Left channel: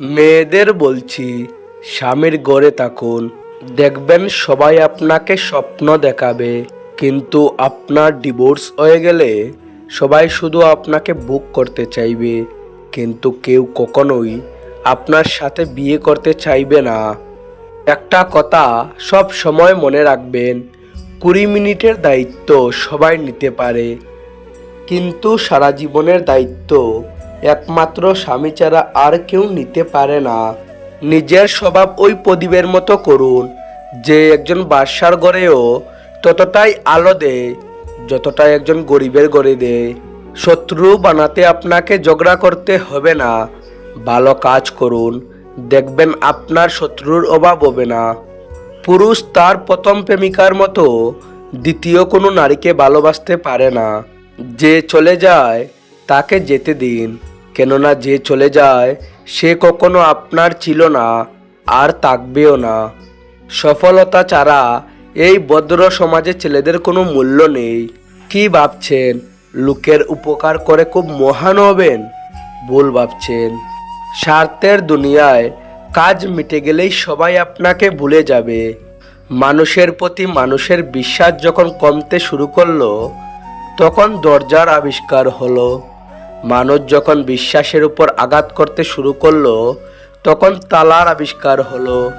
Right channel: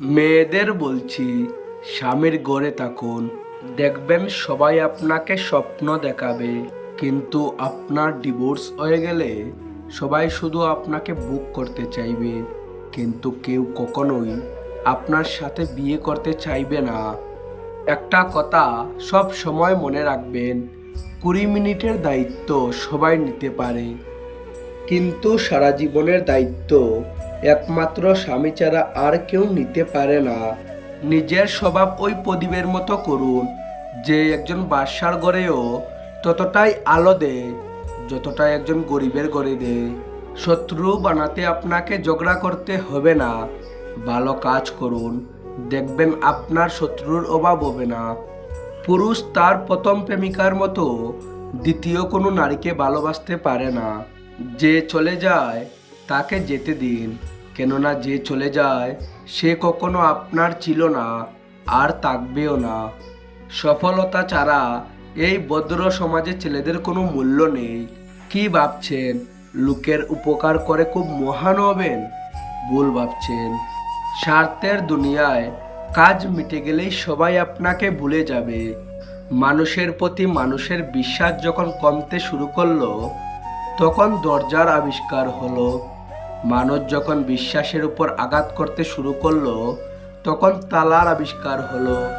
মেয়েদের বলছি, স্বামীর গড়ে থাকুন। দেখবেন সবাই আপনাকে স্বপ্ন দেখাবে। কিন্তু আপনার ডিভোর্স হয়ে গেলে সবাই শুধু আপনাকে বুক করতে চাইবে। কিন্তু কেউ কখনোই আপনার সাথে বিয়ে করতে চাইবে না। একটা কথা সব সময় মনে রাখবেন, কুড়ি মিনিটের দায়িত্ব সবাই নিতে পারে। কিন্তু সারা জীবনের দায়িত্ব একমাত্র স্বামী ছাড়া আর কেউ নিতে পারে না। নিজের স্বভাব ওই প্রদীপের মতো করুন, যে একজন বাদশার গড়েও ততটাই আলো দেয় যতটা একজন গরিবের গড়ে দেয়। শত্রু বানাতে আপনাকে ঝগড়া করতে হবে না। ভালো কাজ করুন, দেখবেন আপনার শত্রুর অভাব হবে না। পুরুষ তার প্রথম প্রেমিকার মতো দ্বিতীয় কোনো নারীকে ভালোবাসতে পারে না। যে চলে যায় তাকে যেতে দিন, কেননা যে চলে যায়, সে কখনো আপনার ছিল না, আর থাকবেও না। সফলতা ছাড়া এই ভদ্র সমাজে ছেলেদের কোনো মূল্য নেই। কি ভাবছেন? লোকের উপকার করে খুব মহান হবেন? ভুল ভাবছেন। স্বার্থের দুনিয়ায় কাজ মিটে গেলেই সবাই আপনাকে ভুলে যাবে। মানুষের প্রতি মানুষের বিশ্বাস যখন কমতে শুরু করল, তখন দরজার আবিষ্কার হলো। মানুষ যখন বিশ্বাসের উপর আঘাত করতে শুরু করল, তখন তালার আবিষ্কার হলো।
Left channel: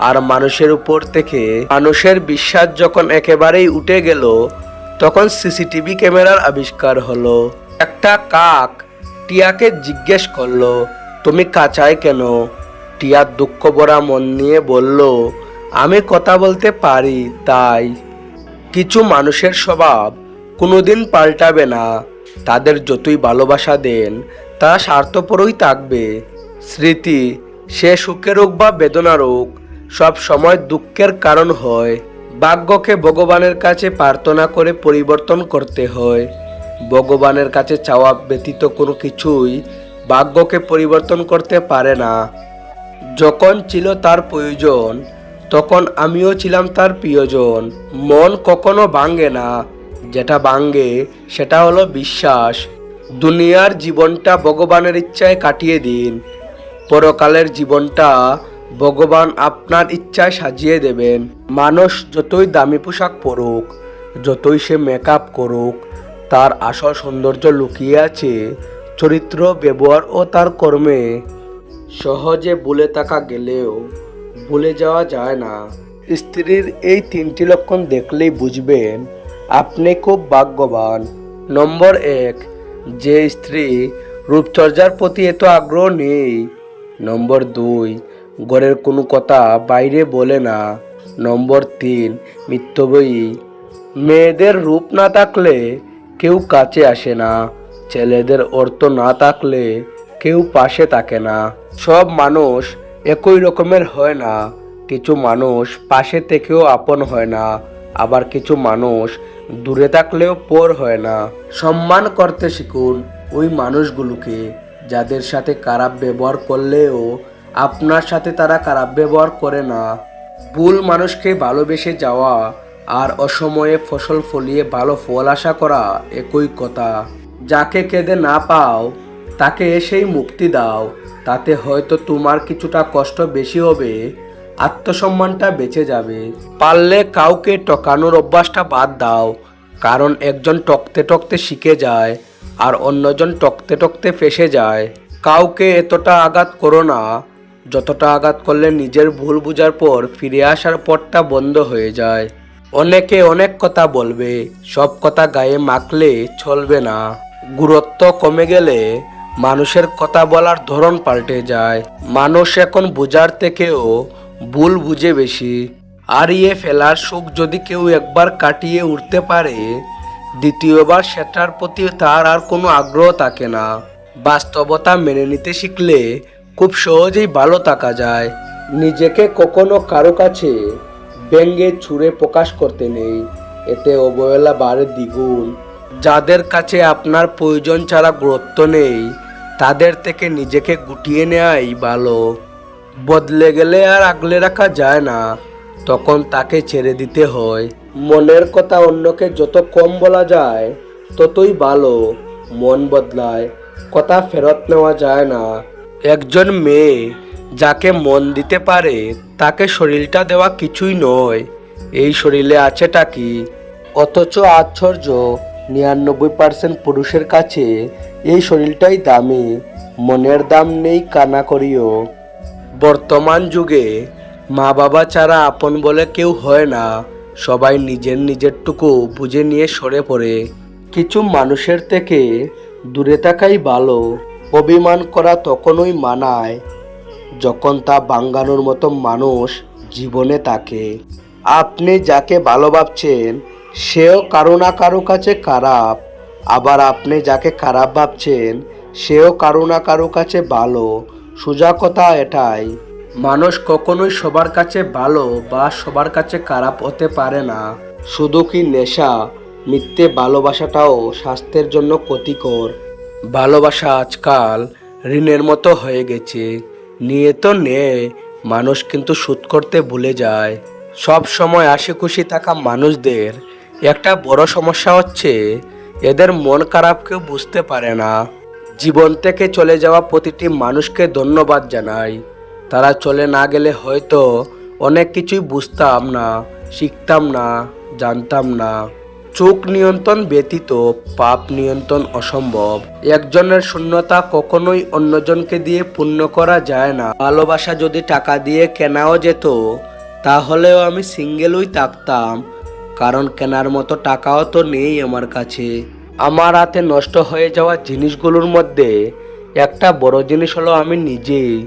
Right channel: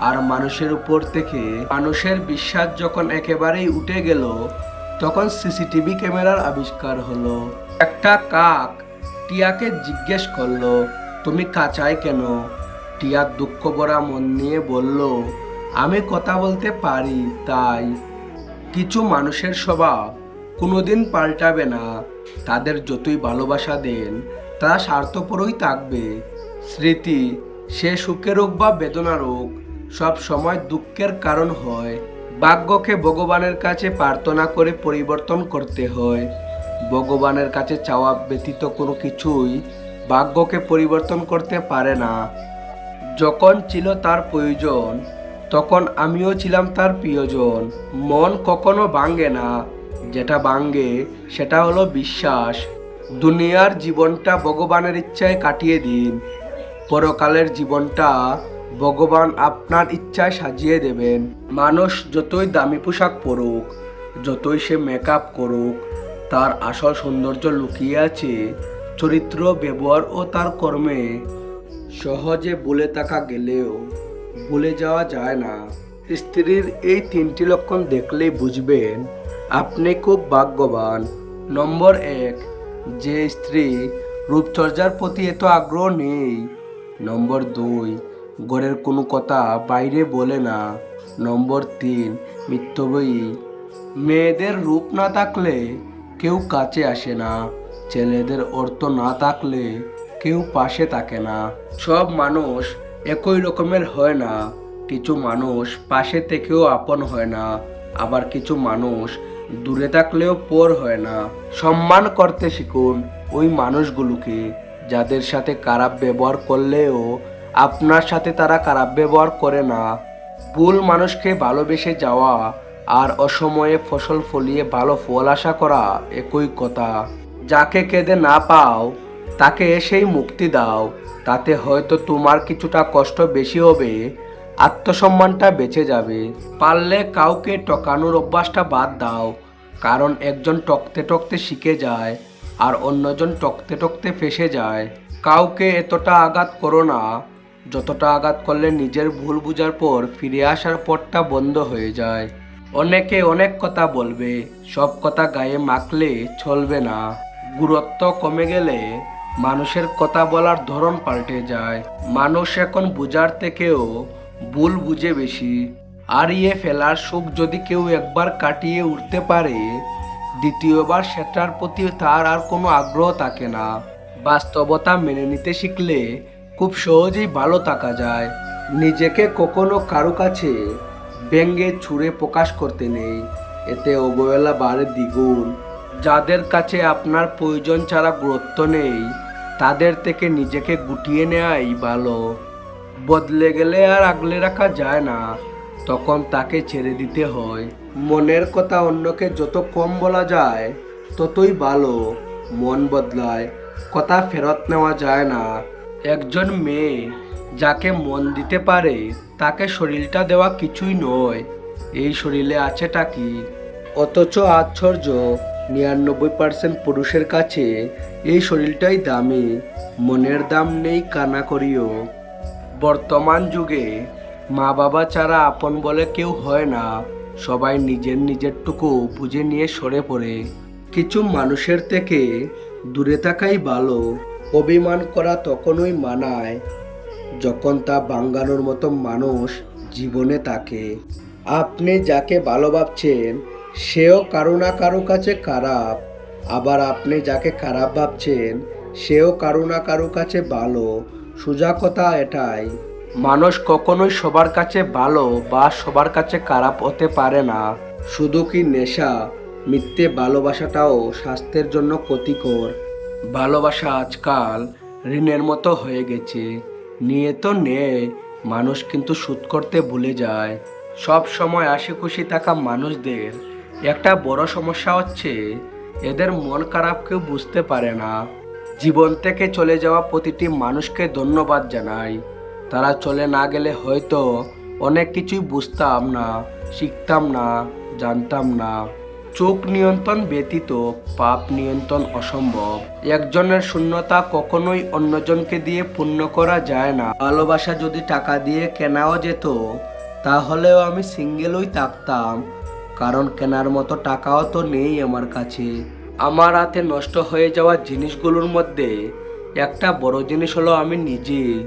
আর মানুষের উপর থেকে মানুষের বিশ্বাস যখন একেবারেই উঠে গেল, তখন সিসিটিভি ক্যামেরার আবিষ্কার হলো। একটা কাক টিয়াকে জিজ্ঞেস করল, তুমি কাঁচায় কেন? টিয়ার দুঃখ ভরা মন নিয়ে বলল, আমি কথা বলতে পারি, তাই। কিছু মানুষের স্বভাব কোনোদিন পাল্টাবে না। তাদের যতই ভালোবাসা দেন তা স্বার্থপরই থাকবে। স্মৃতি, সে সুখের হোক বা বেদনার হোক সব সময় দুঃখের কারণ হয়। ভাগ্যকে ভগবানের কাছে প্রার্থনা করে পরিবর্তন করতে হয়। ভগবানের কাছে চাওয়া ব্যতীত কোনো কিছুই ভাগ্যকে পরিবর্তন করতে পারে না। যখন ছিল তার প্রয়োজন, তখন আমিও ছিলাম তার প্রিয়জন। মন কখনো ভাঙ্গে না। যেটা ভাঙ্গে সেটা হলো বিশ্বাস। দুনিয়ার জীবনটা ভগবানের ইচ্ছায় কাটিয়ে দিন। পরকালের জীবনটা ভগবান আপনার ইচ্ছায় সাজিয়ে দেবেন। মানুষ যতই দামি পোশাক পরুক, যতই সে মেকআপ করুক, তার আসল সৌন্দর্য লুকিয়ে আছে চরিত্র, ব্যবহার ও তার কর্মে। সহজে বলে থাকা গেলেও বলে যাওয়া যায় না। স্ত্রীর এই তিনটি লক্ষণ দেখলেই বুঝবেন আপনি খুব ভাগ্যবান। নম্বর এক, যে স্ত্রী রূপচর্যার প্রতি এত আগ্রহ নেই। নম্বর দুই, ঘরের কোনো কথা বাইরে বলে না। নম্বর তিন মিথ্যবয়ী মেয়েদের রূপ না থাকলে কেউ কাছে আসে না। ছেলেদের অর্থ না থাকলে কেউ পাশে থাকে না। সব মানুষ একই রকমের হয় না। কিছু মানুষ পাশে থেকেও আপন হয় না। আবার কিছু মানুষ দূরে থাকলেও পর হয় না। সম্মান করতে শিখুন ওই মানুষগুলোকে যাদের সাথে খারাপ ব্যবহার করলেও আপনার সাথে তারা খারাপ ব্যবহার করে না। ভুল মানুষকে ভালোবেসে যাওয়া আর অসময়ে ফসল ফলিয়ে ভালো ফল আশা করা একই কথা। যাকে কেঁদে না পাও, তাকে এসেই মুক্তি দাও। তাতে হয়তো তোমার কিছুটা কষ্ট বেশি হবে। আত্মসম্মানটা বেঁচে যাবে। পারলে কাউকে টকানোর অভ্যাসটা বাদ দাও, কারণ একজন টকতে টকতে শিখে যায় আর অন্যজন টকতে টকতে ফেসে যায়। কাউকে এতটা আঘাত করো না, যতটা আঘাত করলে নিজের ভুল বুঝার পর ফিরে আসার পথটা বন্ধ হয়ে যায়। অনেকে অনেক কথা বলবে, সব কথা গায়ে মাখলে চলবে না। গুরুত্ব কমে গেলে মানুষের কথা বলার ধরন পাল্টে যায়। মানুষ এখন বোঝার থেকেও ভুল বুঝে বেশি। হারিয়ে ফেলার সুখ যদি কেউ একবার কাটিয়ে উঠতে পারে, দ্বিতীয়বার সেটার প্রতি তার আর কোনো আগ্রহ থাকে না। বাস্তবতা মেনে নিতে শিখলে খুব সহজেই ভালো থাকা যায়। নিজেকে কখনো কারও কাছে ব্যঙ্গে ছুঁড়ে প্রকাশ করতে নেই। এতে অবহেলা বাড়ে দ্বিগুণ। যাদের কাছে আপনার প্রয়োজন ছাড়া গুরুত্ব নেই, তাদের থেকে নিজেকে গুটিয়ে নেওয়াই ভালো। বদলে গেলে আর আগলে রাখা যায় না। তখন তাকে ছেড়ে দিতে হয়। মনের কথা অন্যকে যত কম বলা যায়, ততই ভালো। মন বদলায়, কথা ফেরত নেওয়া যায় না। একজন মেয়ে যাকে মন দিতে পারে, তাকে শরীরটা দেওয়া কিছুই নয়। এই শরীরে আছেটা কি? অথচ আশ্চর্য, নিরানব্বই পার্সেন্ট পুরুষের কাছে এই শরীরটাই দামি। মনের দাম নেই কানা করিও। বর্তমান যুগে মা বাবা ছাড়া আপন বলে কেউ হয় না। সবাই নিজের নিজেরটুকু বুঝে নিয়ে সরে পড়ে। কিছু মানুষের থেকে দূরে থাকাই ভালো। অভিমান করা তখনই মানায় যখন তা বাঙ্গানোর মতো মানুষ জীবনে থাকে। আপনি যাকে ভালো ভাবছেন সেও কারও না কারও কাছে খারাপ। আবার আপনি যাকে খারাপ ভাবছেন, সেও কারও না কারও কাছে ভালো। সোজা কথা এটাই। মানুষ কখনোই সবার কাছে ভালো বা সবার কাছে খারাপ হতে পারে না। শুধু কি নেশা? মিথ্যে ভালোবাসাটাও স্বাস্থ্যের জন্য ক্ষতিকর। ভালোবাসা আজকাল ঋণের মতো হয়ে গেছে। নিয়ে তো নে, মানুষ কিন্তু সুদ করতে ভুলে যায়। সব সময় হাসি খুশি থাকা মানুষদের একটা বড় সমস্যা হচ্ছে, এদের মন খারাপ কেউ বুঝতে পারে না। জীবন থেকে চলে যাওয়া প্রতিটি মানুষকে ধন্যবাদ জানাই। তারা চলে না গেলে হয়তো অনেক কিছুই বুঝতাম না, শিখতাম না, জানতাম না। চোখ নিয়ন্ত্রণ ব্যতীত, পাপ নিয়ন্ত্রণ অসম্ভব। একজনের শূন্যতা কখনোই অন্যজনকে দিয়ে পূর্ণ করা যায় না। ভালোবাসা যদি টাকা দিয়ে কেনাও যেত, তাহলেও আমি সিঙ্গেলই থাকতাম। কারণ কেনার মতো টাকাও তো নেই আমার কাছে। আমার হাতে নষ্ট হয়ে যাওয়া জিনিসগুলোর মধ্যে একটা বড় জিনিস হলো আমি নিজেই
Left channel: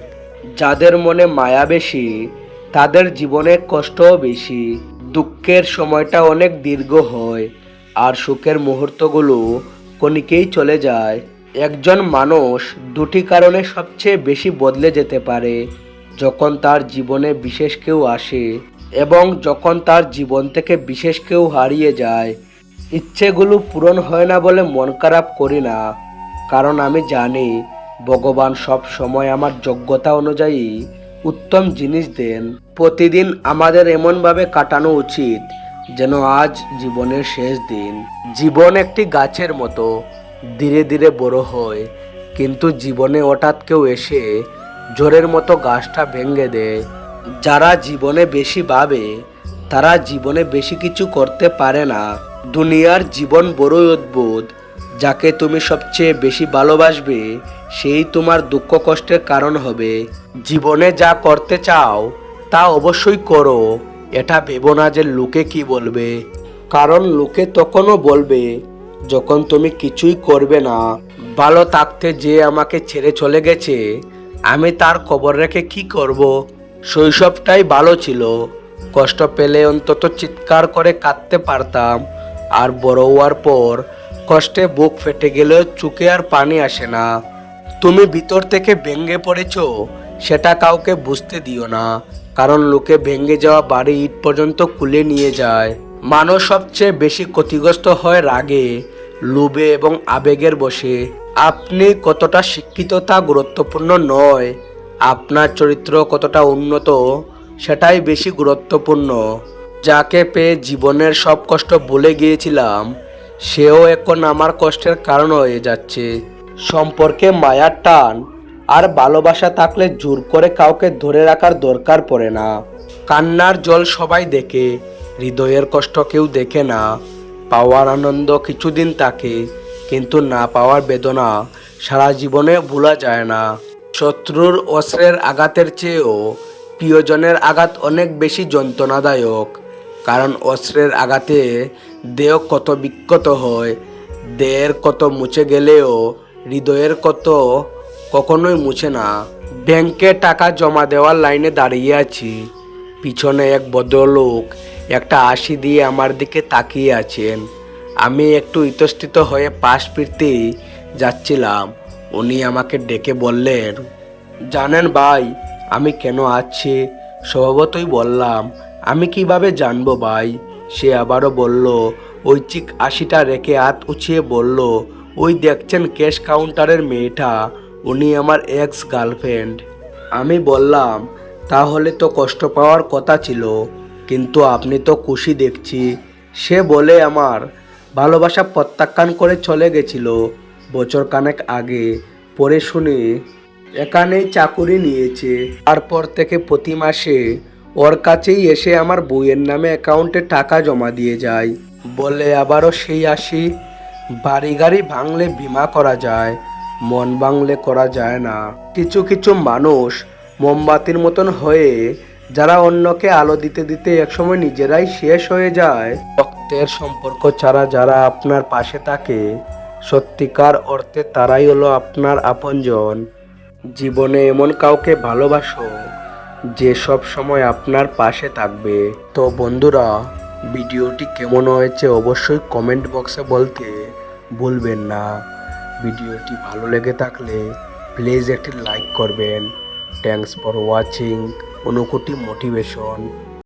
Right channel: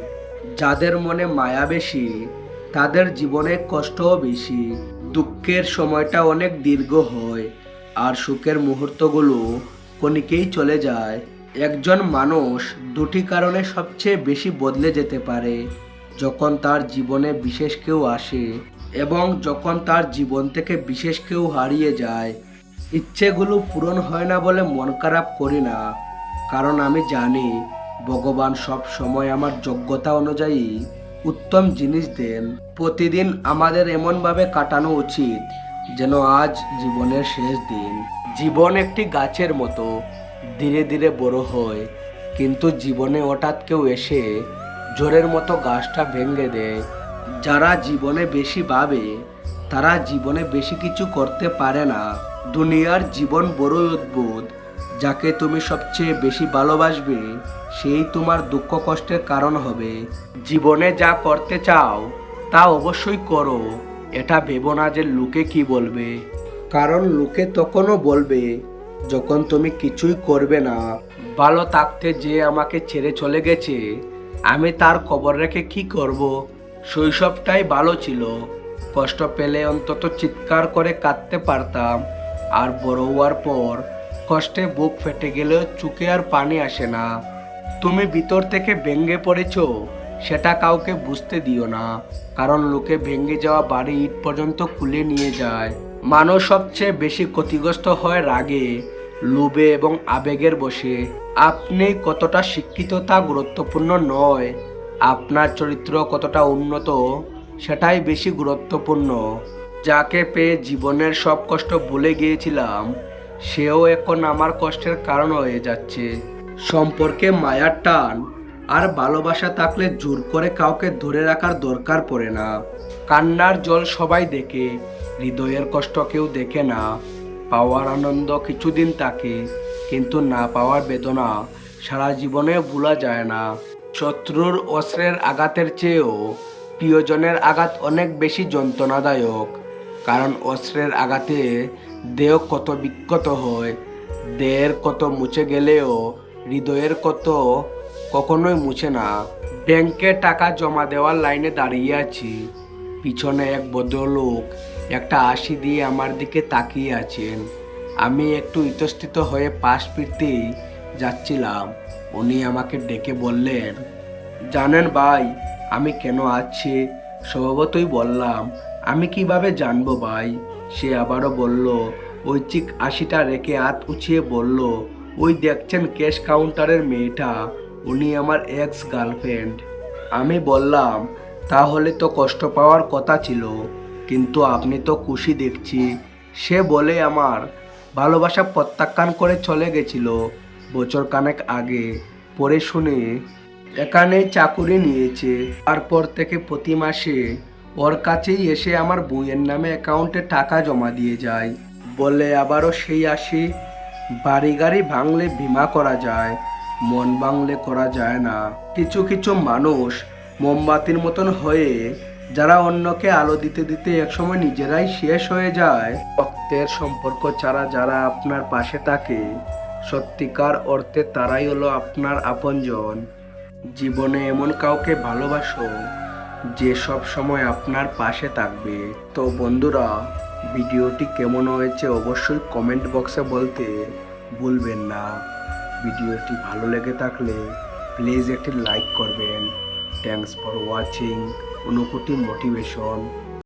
যাদের মনে মায়া বেশি, তাদের জীবনে কষ্টও বেশি। দুঃখের সময়টা অনেক দীর্ঘ হয়, আর সুখের মুহূর্তগুলো কণিকেই চলে যায়। একজন মানুষ দুটি কারণে সবচেয়ে বেশি বদলে যেতে পারে। যখন তার জীবনে বিশেষ কেউ আসে, এবং যখন তার জীবন থেকে বিশেষ কেউ হারিয়ে যায় ইচ্ছেগুলো পূরণ হয় না বলে মন খারাপ করি না। কারণ আমি জানি, ভগবান সব সময় আমার যোগ্যতা অনুযায়ী উত্তম জিনিস দেন। প্রতিদিন আমাদের এমনভাবে কাটানো উচিত যেন আজ জীবনের শেষ দিন। জীবন একটি গাছের মতো, ধীরে ধীরে বড় হয়। কিন্তু জীবনে হঠাৎ কেউ এসে জোরের মতো গাছটা ভেঙে দেয়। যারা জীবনে বেশি ভাবে, তারা জীবনে বেশি কিছু করতে পারে না। দুনিয়ার জীবন বড়ই অদ্ভুত, যাকে তুমি সবচেয়ে বেশি ভালোবাসবে, সেই তোমার দুঃখ কষ্টের কারণ হবে। জীবনে যা করতে চাও, তা অবশ্যই করো। এটা ভেবো না যে লোকে কি বলবে। কারণ লোকে তখনও বলবে, যখন তুমি কিছুই করবে না। ভালো থাকতে যে আমাকে ছেড়ে চলে গেছে, আমি তার কবর রেখে কি করব? শৈশবটাই ভালো ছিল। কষ্ট পেলে অন্তত চিৎকার করে কাঁদতে পারতাম। আর বড় হওয়ার পর কষ্টে বুক ফেটে গেলেও চুকে আর পানি আসে না। তুমি ভিতর থেকে ভেঙে পড়েছ, সেটা কাউকে বুঝতে দিও না। কারণ লোকে ভেঙে যাওয়া বাড়ি ইট পর্যন্ত খুলে নিয়ে যায়। মানুষ সবচেয়ে বেশি ক্ষতিগ্রস্ত হয় রাগে, লোভে এবং আবেগের বসে আপনি কতটা শিক্ষিত তা গুরুত্বপূর্ণ নয়। আপনার চরিত্র কতটা উন্নত, সেটাই বেশি গুরুত্বপূর্ণ। যাকে পেয়ে জীবনের সব কষ্ট ভুলে গিয়েছিলাম, সেও এখন আমার কষ্টের কারণ হয়ে যাচ্ছে। সম্পর্কে মায়ার টান আর ভালোবাসা থাকলে জোর করে কাউকে ধরে রাখার দরকার পড়ে না। কান্নার জল সবাই দেখে, হৃদয়ের কষ্ট কেউ দেখে না। পাওয়ার আনন্দ কিছুদিন থাকে, কিন্তু না পাওয়ার বেদনা সারা জীবনে ভোলা যায় না। শত্রুর অস্ত্রের আঘাতের চেয়েও প্রিয়জনের আঘাত অনেক বেশি যন্ত্রণাদায়ক। কারণ অস্ত্রের আঘাতে দেহ কত বিক্ষত হয়, দেহের কত মুছে গেলেও হৃদয়ের কত কখনোই মুছে না। ব্যাংকে টাকা জমা দেওয়ার লাইনে দাঁড়িয়ে আছি। পিছনে এক ভদ্রলোক একটা আশি দিয়ে আমার দিকে তাকিয়ে আছেন। আমি একটু ইতস্থিত হয়ে পাশ ফিরতেই যাচ্ছিলাম। উনি আমাকে ডেকে বললেন, জানেন ভাই, আমি কেন আছি? স্বভাবতই বললাম আমি কীভাবে জানব ভাই? সে আবারও বলল ওই চিক আশিটা রেখে হাত উঠিয়ে বলল, ওই দেখছেন ক্যাশ কাউন্টারের মেয়েটা, উনি আমার এক্স গার্লফ্রেন্ড আমি বললাম, তাহলে তো কষ্ট পাওয়ার কথা ছিল, কিন্তু আপনি তো খুশি দেখছি। সে বলে আমার, ভালোবাসা প্রত্যাখ্যান করে চলে গেছিল, বছর কানেক আগে। পরে শুনে এখানেই চাকুরি নিয়েছে, তারপর থেকে প্রতি মাসে ওর কাছেই এসে আমার বইয়ের নামে অ্যাকাউন্টে টাকা জমা দিয়ে যায়। বলে আবারও সেই আসি, বাড়ি গাড়ি ভাঙলে বিমা করা যায়, মন ভাঙলে করা যায় না। কিছু কিছু মানুষ মোমবাতির মতন হয়ে, যারা অন্যকে আলো দিতে দিতে একসময় নিজেরাই শেষ হয়ে যায়। রক্তের সম্পর্ক ছাড়া যারা আপনার পাশে থাকে, সত্যিকার অর্থে তারাই হলো আপনার আপনজন। জীবনে এমন কাউকে ভালোবাসো যে সব সময় আপনার পাশে থাকবে। তো বন্ধুরা, ভিডিওটি কেমন হয়েছে অবশ্যই কমেন্ট বক্সে বলতে ভুলবেন না। ভিডিওটি ভালো লেগে থাকলে প্লিজ একটি লাইক করবেন। থ্যাংকস ফর ওয়াচিং অনুকুটি মোটিভেশন